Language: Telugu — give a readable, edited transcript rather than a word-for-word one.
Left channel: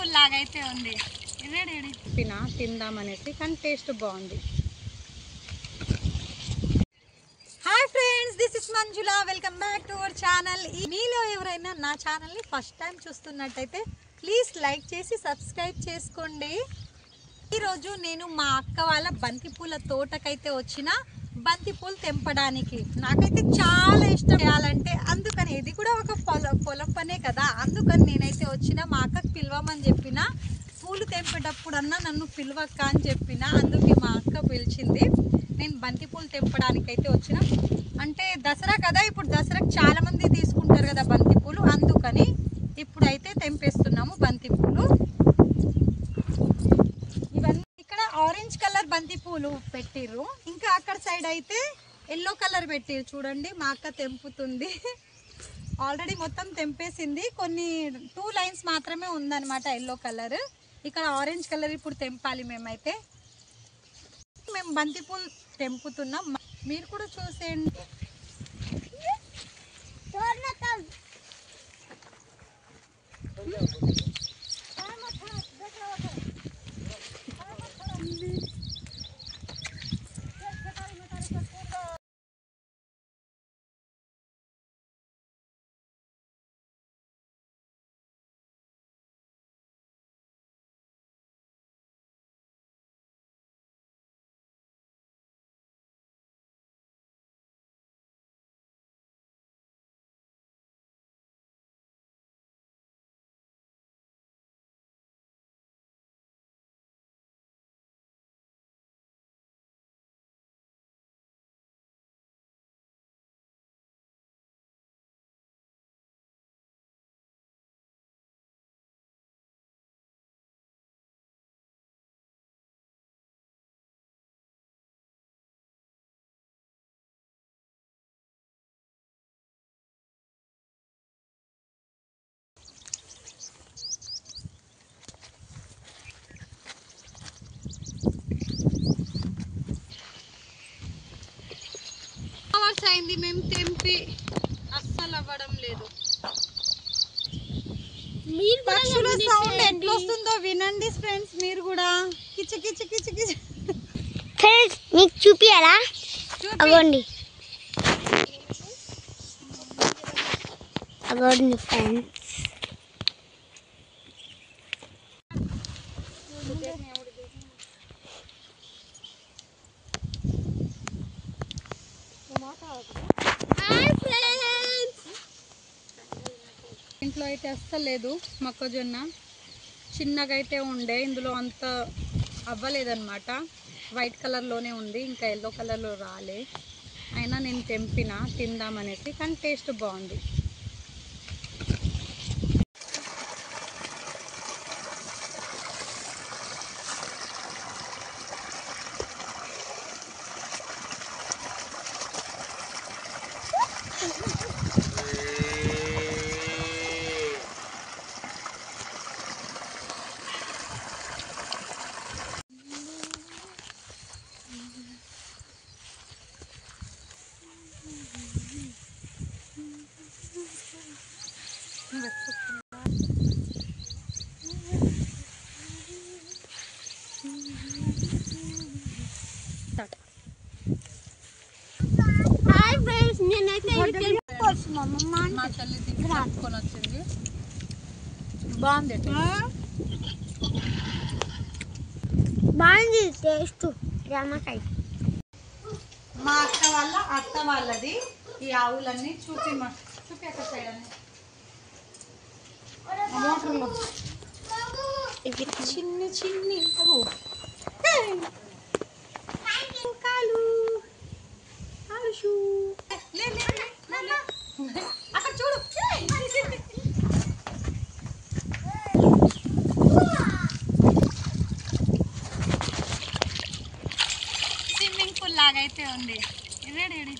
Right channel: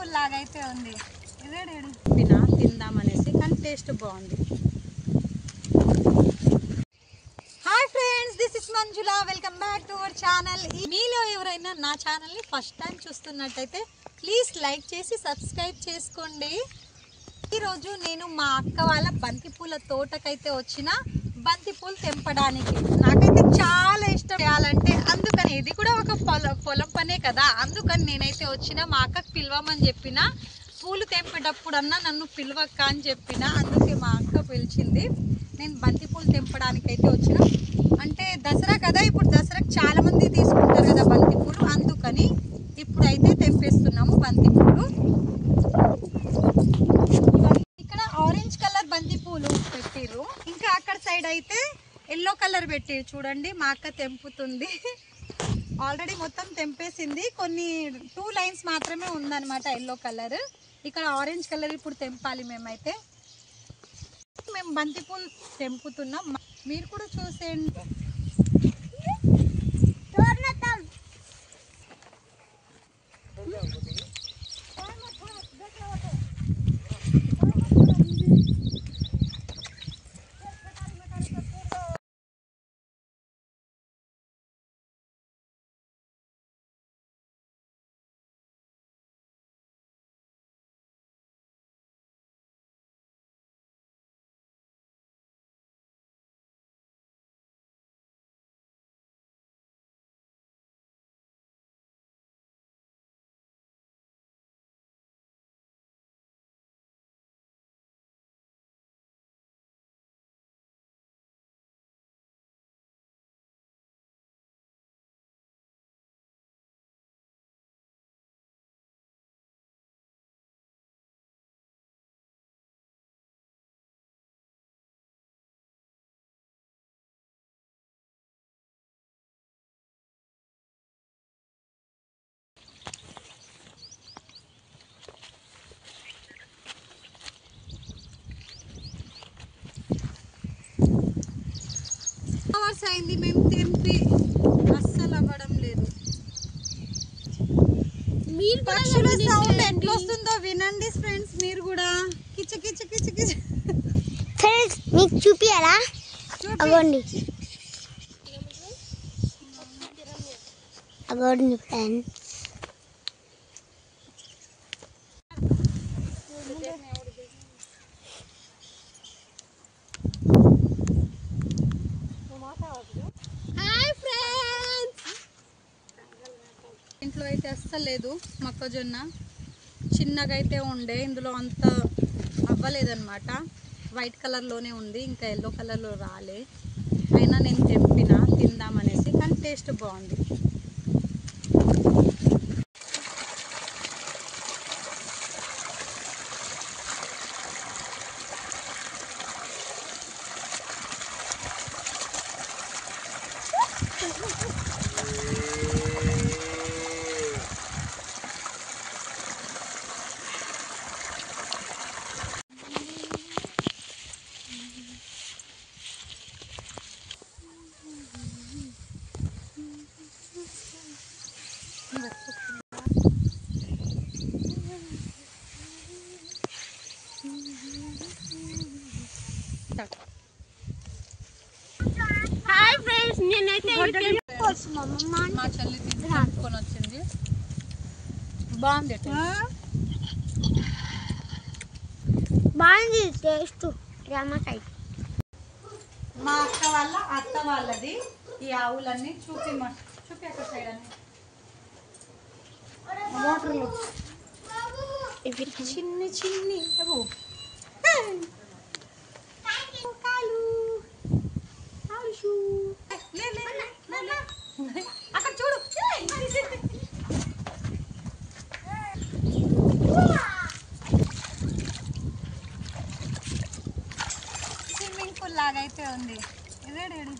పూల్ లాగా అయితే ఉంది. ఇదేడేడి తిందామనేసి కానీ టేస్ట్ బాగుంది. Hi friends, this is Manjula. Welcome back to our channel. మీలో ఎవరైనా నా ఛానల్ని ఫస్ట్ టైం చూస్తున్నట్టయితే ప్లీజ్ లైక్ చేసి సబ్స్క్రైబ్ చేసుకోండి. ఈరోజు నేను మా అక్క వాళ్ళ బంతిపూల తోటకైతే వచ్చిన బంతిపూలు తెంపడానికి. నాకైతే చాలా ఇష్టం చేయాలంటే, అందుకని ఇది కూడా ఒక పొలం పనే కదా, అందుకని నేనైతే వచ్చిన. మా అక్కకి పిలవమని చెప్పిన, పూలు తెంపేటప్పుడన్నా నన్ను పిలవక్క అని చెప్పిన, అందుకే మా అక్క పిలిచింది. నేను బంతిపూలు తెంపడానికి అయితే వచ్చిన. అంటే దసరా కదా, ఇప్పుడు దసరాకు చాలా మంది తీసుకుంటారు కదా బంతిపూలు, అందుకని ఇప్పుడైతే తెంపేస్తున్నాము బంతిపూలు. ఇవన్నీ ఇక్కడ ఆరెంజ్ కలర్ బంతిపూలు పెట్టిర్రు, ఇంకా అక్కడ సైడ్ అయితే ఎల్లో కలర్ పెట్టిర్రు. చూడండి మా అక్క తెంపుతుంది. ఆల్రెడీ మొత్తం తెంపేసింది, కొన్ని 2 లైన్స్ మాత్రమే ఉందన్నమాట ఎల్లో కలర్. ఇక్కడ ఆరెంజ్ కలర్ ఇప్పుడు తెంపాలి. మేము బంతిపూలు తెంపుతున్నాం, మీరు కూడా చూసేయండి. అయింది, మేము తెంపి అస్సలు అవ్వడం లేదు. పక్షుల సౌండ్ ఎట్లా వస్తుందో వినండి ఫ్రెండ్స్, మీరు కూడా కిచ కిచ కిచ కిచ. ఫ్రెండ్స్ మీకు చూపియాలా? అవ్వండి అవ్వండి ఫ్రెండ్స్. ఇంట్లో అయితే అస్సలు లేదు. మొక్కజొన్న చిన్నగా అయితే ఉండే, ఇందులో అంత అవ్వలేదన్నమాట. వైట్ కలర్లోనే ఉంది, ఇంకా ఎల్లో కలర్లో రాలే. అయినా నేను తెంపిన తిందామనేసి, కానీ టేస్ట్ బాగుంది. హాయ్ ఫ్రెండ్స్, నేనైతే మా చెల్లి తీసుకొని వచ్చింది. బాగుంది, బాగుంది టేస్ట్. రామకాయ మా అక్క వాళ్ళ అత్త వాళ్ళది ఈ ఆవులన్నీ. చూపి అక్కడ సైడ్ అన్ని మోటార్లు ఇవి చిన్ని చిన్ని కాలు ఆలుషు. అక్కడ చూడు, స్విమ్మింగ్ పూల్ లాగా అయితే ఉంది. ఇదేడేడి